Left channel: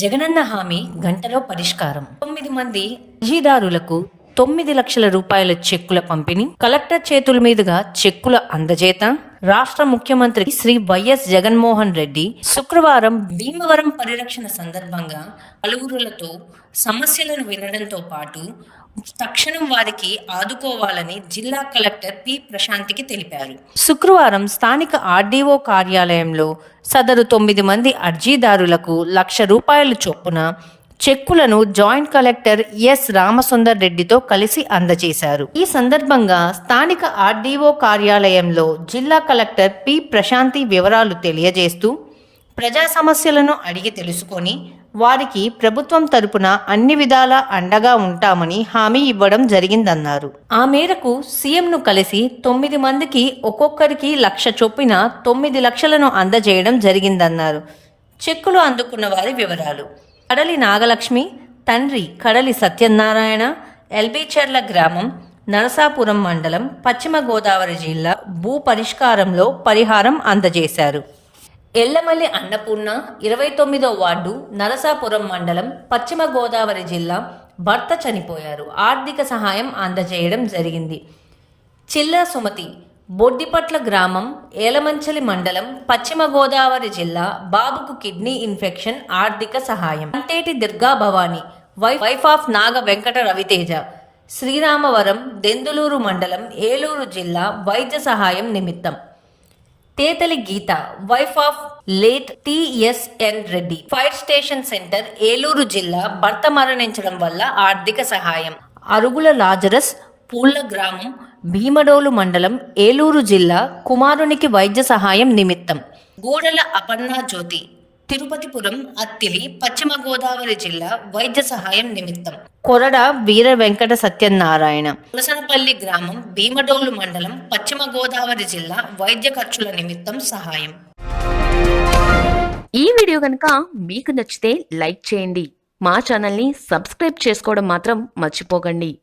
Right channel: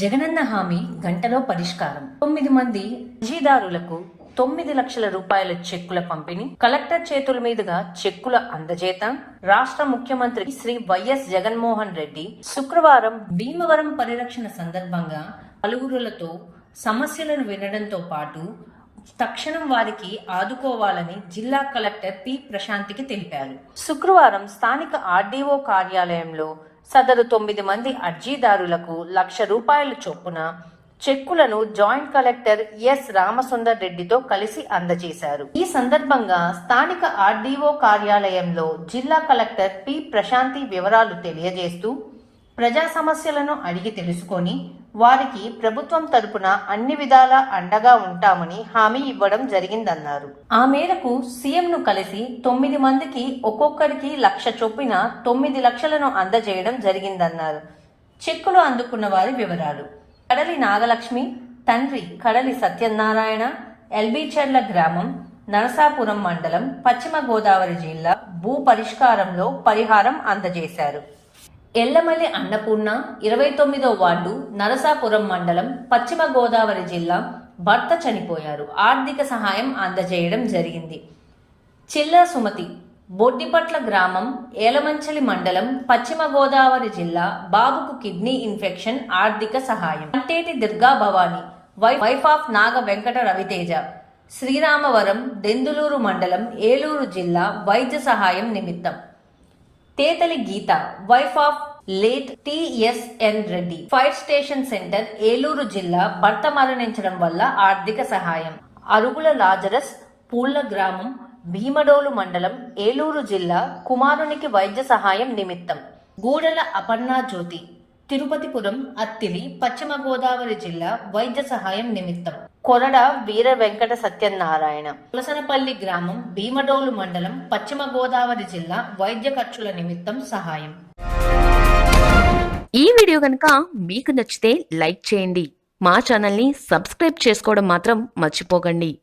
జగనన్న హామీ గంటలో పరిష్కారం. తొమ్మిది మంది అర్జీదారులకు తొమ్మిది లక్షల రూపాయల చెక్కుల పంపిణీ కలెక్టర్ చేతుల మీదుగా చెక్కుల అందజేత రాష్ట్ర ముఖ్యమంత్రి శ్రీ వైఎస్ జగన్మోహన్ రెడ్డి శుక్రవారం భీమవరం పరిరక్షణ సందర్భంగా పలువురులతో సమస్యలను వినడంతో పాటు తక్షణం వారికి ఆదుకోవాలని జిల్లా కలెక్టర్ పి ప్రశాంతికి తెలిపారు. శుక్రవారం స్థానిక ఆర్డీఓ కార్యాలయంలో సదరు తొమ్మిది మంది అర్జీదారులకు లక్ష రూపాయల చొప్పున చెక్కులను జాయింట్ కలెక్టర్ ఎస్ రామసుందర్ రెడ్డితో కలిసి అందజేశారు. ఈ సందర్భంగా స్థానిక ఆర్డీఓ కార్యాలయంలో జిల్లా కలెక్టర్ పి ప్రశాంతి వివరాలు తెలియజేస్తూ ప్రజా సమస్యలను అడిగి తెలుసుకొని వారికి ప్రభుత్వం తరపున అన్ని విధాల అండగా ఉంటామని హామీ ఇవ్వడం జరిగిందన్నారు. ఆ మేరకు సీఎంను కలిసి తొమ్మిది మందికి ఒక్కొక్కరికి లక్ష చొప్పున తొమ్మిది లక్షలను అందజేయడం జరిగిందన్నారు. చెక్కులు అందుకున్న వారి వివరాలు. కడలి నాగలక్ష్మి తండ్రి కడలి సత్యనారాయణ ఎల్బీచర్ల గ్రామం నరసాపురం మండలం పశ్చిమ గోదావరి జిల్లా భూ పరిష్కారంలో పరిహారం అందజేశారు. ఎల్లమల్లి అన్నపూర్ణ ఇరవై తొమ్మిదో వార్డు నరసాపురం మండలం పశ్చిమ గోదావరి జిల్లా భర్త చనిపోయారు. ఆర్థిక సహాయం అందజేయడం జరిగింది. చిల్లా సుమతి బొడ్డిపట్ల గ్రామం ఏలమంచలి మండలం పశ్చిమ గోదావరి జిల్లా బాబుకు కిడ్నీ ఇన్ఫెక్షన్ ఆర్థిక సహాయం. అంటేటి దుర్గా భవాని వై- వైఫ్ ఆఫ్ నాగ వెంకట రవితేజ. శ్రీరామవరం దెందులూరు మండలం ఏలూరు జిల్లా వైద్య సహాయం నిమిత్తం. Tetali Geetha wife of late TSN Reddy. Fire station centre Eluru జిల్లా భర్త మరణించడం వల్ల ఆర్థిక సహాయం. అరుగుల లాజరస్ పూళ్ళ గ్రామం భీమడోలు మండలం ఏలూరు జిల్లా కుమారునికి వైద్య సహాయం నిమిత్తం. గూడల అపర్ణా జ్యోతి తిరుపతిపురం అత్తిలి పశ్చిమ గోదావరి జిల్లా వైద్య సహాయం నిమిత్తం. కొరడ వీర వెంకట సత్యనారాయణ. పులసనపల్లి గ్రామం భీమడోలు మండలం పశ్చిమ గోదావరి జిల్లా వైద్య ఖర్చుల నిమిత్తం సహాయం. ఈ వీడియో కనుక మీకు నచ్చితే లైక్ చేయండి. మా ఛానల్ని సబ్స్క్రైబ్ చేసుకోవడం మాత్రం మర్చిపోకండి.